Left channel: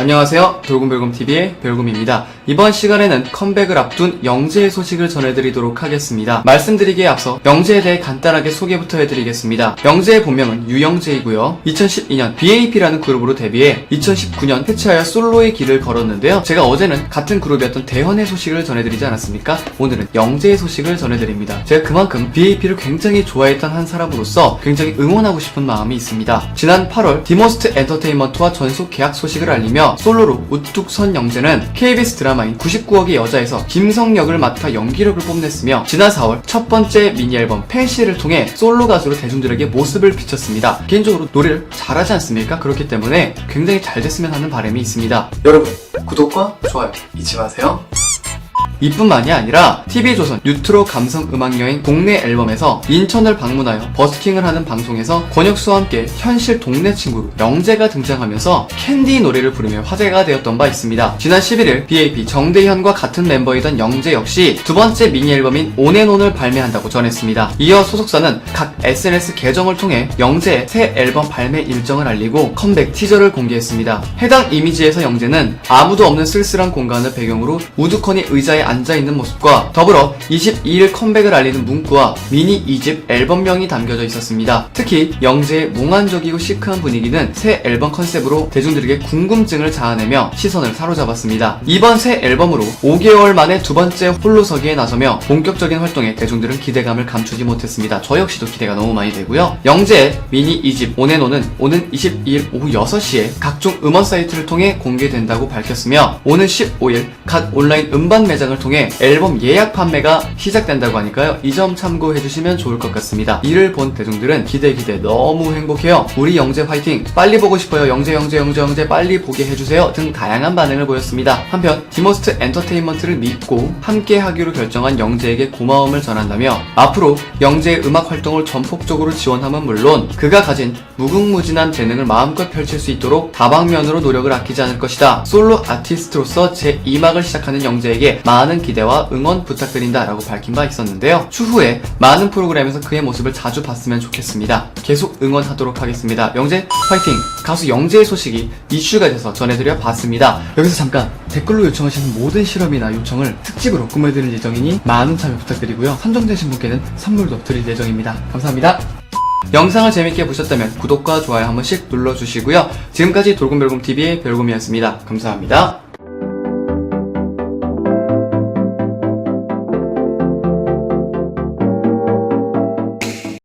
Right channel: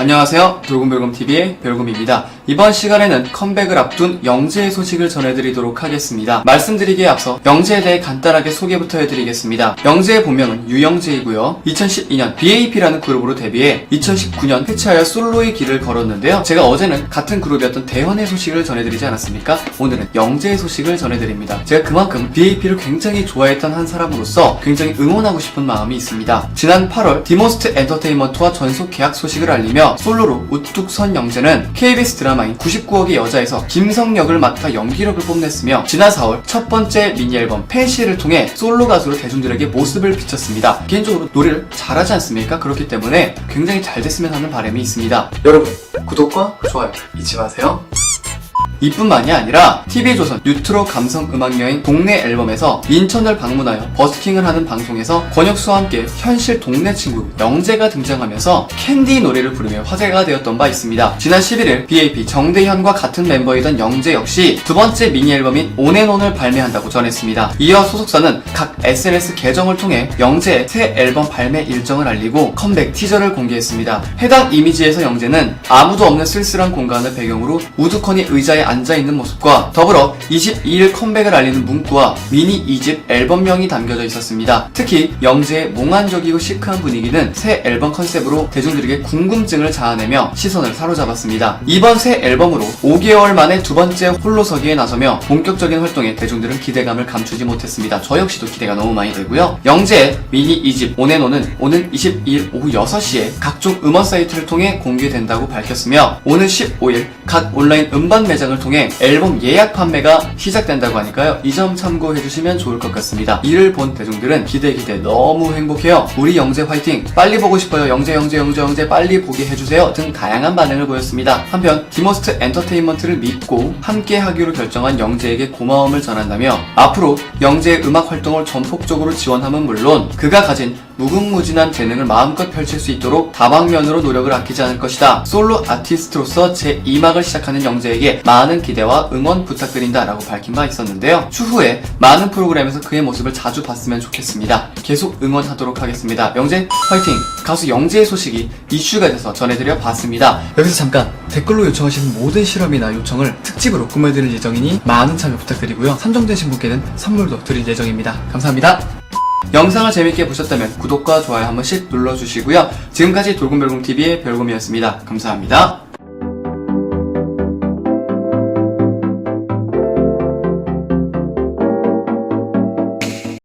안녕하세요. 돌곰별곰TV의 별곰입니다. 이번 시간에는 컴백을 앞둔 영재의 소식을 전해드리도록 하겠습니다. 말씀드리기에 앞서 영재에 대해 간단하게 소개부터 해드리겠습니다. 영재의 본명은 유영재이고요. 2012년 BAP라는 그룹으로 데뷔해 2019년 해체하여 솔로의 길을 걸었는데요. 제가 어제는 같은 그룹이었던 대현의 소식을 전해드리지 않았습니까? 오늘은 영재의 소식을 전해드립니다. 제가 그만큼 BAP를 굉장히 좋아했던 한 사람으로서 굉장히 응원하고 싶은 마음이 있습니다. 지난 8월 디모스트 엔터테인먼트와 전속 계약 소식을 알리며 솔로로 우뚝 선 영재는 KBS 드라마인 99억의 여자에서 김성 역을 맡아 연기력을 뽐냈으며 지난 4월 첫 번째 미니 앨범 팬시를 통해 솔로 가수로 대중들에게 모습을 비췄습니다. 개인적으로 노래를 잘하지 않습니까? 그렇기 때문에 굉장히 잘 됐으면 하는 바람이 있습니다. 여러분 구독과 좋아요 잊지 마세요. 이뿐만이 아니라 TV조선 뉴트로 감성 음악 여행 국내 앨범에서 인천을 방문하여 버스킹을 하는 방송에서 권혁수와 함께 현실 동네 친구 영재가 등장하면서 캔디 노래를 부르며 화제가 되었던 바 있습니다. 지난 11일 BAP 정대현과 같은 멤버이던 영재 역시 두 번째 미니 앨범인 온앤온을 발매한다고 전했습니다. 이어 소속사는 각 SNS 계정을 통해 영재의 새 앨범 발매 일정을 알리고 컴백 티저를 공개했습니다. 해당 이미지에서 영재는 아무도 없는 쓸쓸한 공간을 배경으로 우두커니 의자에 앉아있는 모습과 더불어 22일 컴백을 알리는 문구와 미니 2집 앨범명이 담겨져 있었습니다. 특히 영재의 몽환적이고 시크한 분위기는 새 앨범 컨셉으로 대중들에게 궁금증을 자아내며 시선을 사로잡았습니다. 이번 새 앨범으로 5개월 만에 두 번째 홀로서기에 나서며 본격적인 활동에 대중들은 기대감을 감추지 못했습니다. 저 역시도 기대가 너무 많이 되고요. 영재의 미니 2집 온앤온은 오는 22일 오후 6시에 각종 음원 사이트를 통해 공개된다고 밝혔으며 오는 15일 각 온라인 음반 매장을 통해 앨범 예약 판매가 시작된다고 하니까요. 이 점 참고해 주시면 좋을 것 같습니다. 이를 본 대중들은 기대 기대 너무 행복해요. 우리 영재 화이팅! 빨리 보고 싶어요. 영재 영재 영재 영재 빨리 보게 해주세요. 등 다양한 반응을 보였습니다. 한편 디모스트 엔터테인먼트를 믿고 함께 하기로 결정한 영재에게 고마움을 전한다며 앞으로 영재의 음악 활동을 전폭적으로 지원함은 물론 그가 가진 무궁무진한 재능을 마음껏 펼칠 수 있도록 다방면으로 노력을 아끼지 않을 것이다. 솔로 아티스트로서 제 2막을 시작하는 영재에게 많은 기대와 응원 부탁드린다 라고 밝힌 바 있었는데요. 추후에 많은 프로그램에서 그의 모습을 자주 봤으면 좋겠습니다. 계속 응원하도록 하겠습니다. 영재 파이팅! 가수 영재의 소식이 이슈가 돼서 전해드려 봤습니다. 여기서 잠깐 댓글로 요청하시는 모든 실험이나 요청을 특집으로 꾸며드릴 예정이니 많은 참여 부탁드리고요. 선정되신 분께는 선물도 드릴 예정입니다. 감사합니다. 영상을 재밌게 보셨다면 구독과 좋아요 한 번씩 눌러주시고요. 지금까지 돌곰별곰TV의 별곰이었습니다. 감사합니다.